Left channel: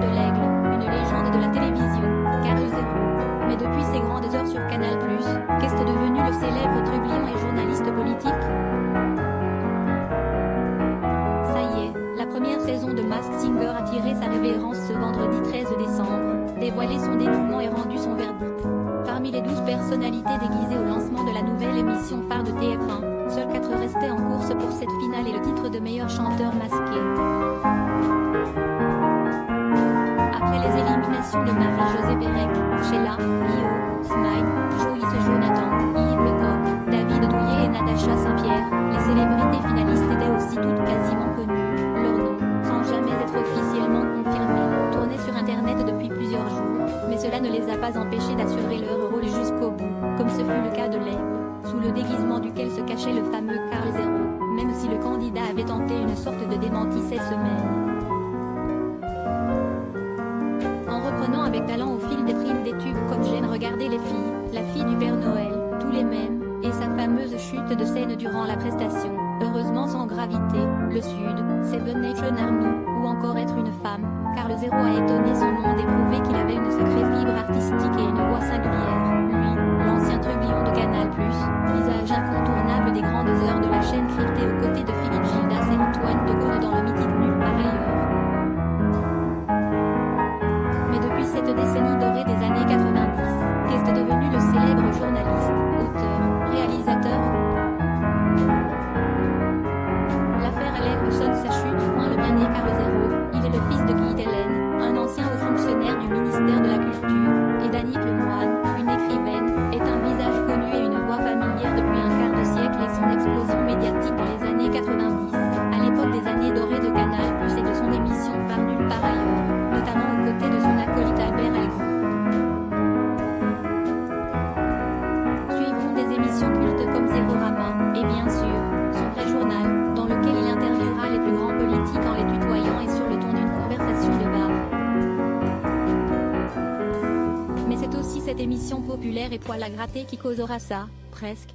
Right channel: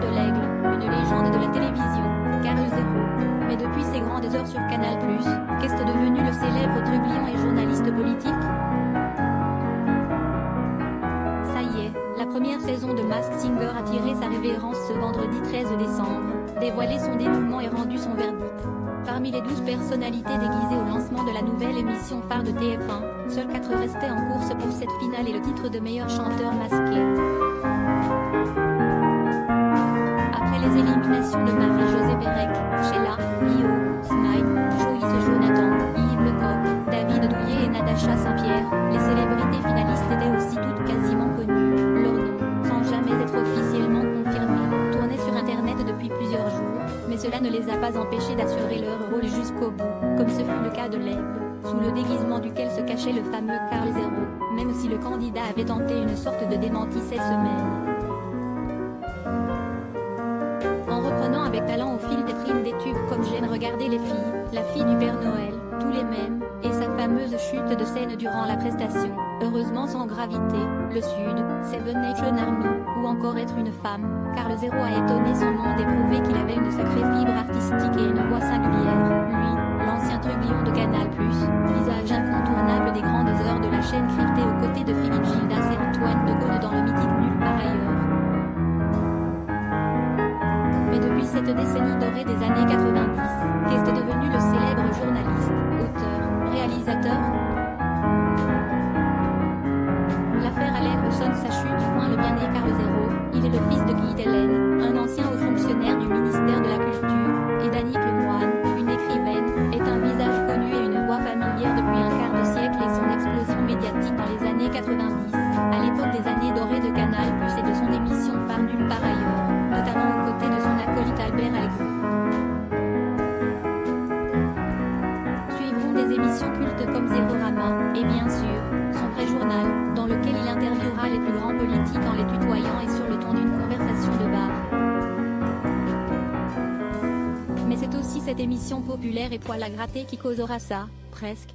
de l'Aigle, une légende de la télévision, Carl Zéro. Mais depuis ses grandes heures sur Canal+, qu'est-ce devenu le célèbre trublion et journaliste politique? Ça y est, la première saison de Masked Singer a tiré sa révérence ce vendredi 13 décembre, dévoilé son dénouement et rendu son verdict. Parmi les 12 personnalités déguisées au lancement de la nouvelle émission phare de TF1, seuls 4 restaient en course pour cette finale et le titre de meilleur chanteur masqué. Après les éliminations de Marie-Josée Pérec, Sheila, Lio, Smile, Joyce Jonathan, Yves Lecoq, David Douillet et Natacha Saint-Pierre, les célébrités finalistes étaient aussi toutes quasiment connues, leurs noms, sans jamais être officiellement confirmés, tournaient sur internet depuis plusieurs jours, mais cela ne les a pas empêchés d'assurer leur rôle jusqu'au bout, comme ce fut le cas de l'Aigle, sous le déguisement duquel se cachait le fameux Carl Zéro, même si le candidat avait tenté une sorte de démenti cette semaine. En reprenant avec talent au fil des primes des tubes comme J'aime regarder les filles, La fille du Père Noël, Tous les mêmes, et sa fameuse chute de scène durant la prestation, Heureusement sans gravité, Le Sud, Seven Nation Army, ou encore Être une femme, Carl Zéro a étonné son monde et prouvé qu'il avait une sacrée fibre artistique et une voix singulière. Lui, l'ancien trublion de Canal+, visage incontournable des grandes heures de la chaîne cryptée aux côtés de Philippe Gildas et Antoine de Caunes dans le mythique Nulle part ailleurs. Mais depuis cette décennie dorée des années 90, qu'est-ce devenu le célèbre journaliste, auteur, réalisateur? L'affaire Alain sonne sa chute. Le bien-né Carl Zéro, il est le fils de Guy Delaine, un ancien haut fonctionnaire du ministère de la Culture, et d'Annick Lemoine, une écrivaine, est un visage connu et une voix familière depuis un quart de siècle et son explosion médiatique dans les années 90, à l'époque des années dorées de Canal+, et de son émission phare Nulle part ailleurs, notamment aux côtés de son acolyte Albert Algon. Suivront des émissions cultes comme Zérorama, et bien sûr, son vrai journal, dans lequel il interviewera les plus grands politiques en les tutoyant et sur le ton d'une conversation de bar. Mais c'est aussi cette émission populaire et poil à gratter qui causera ça, presque,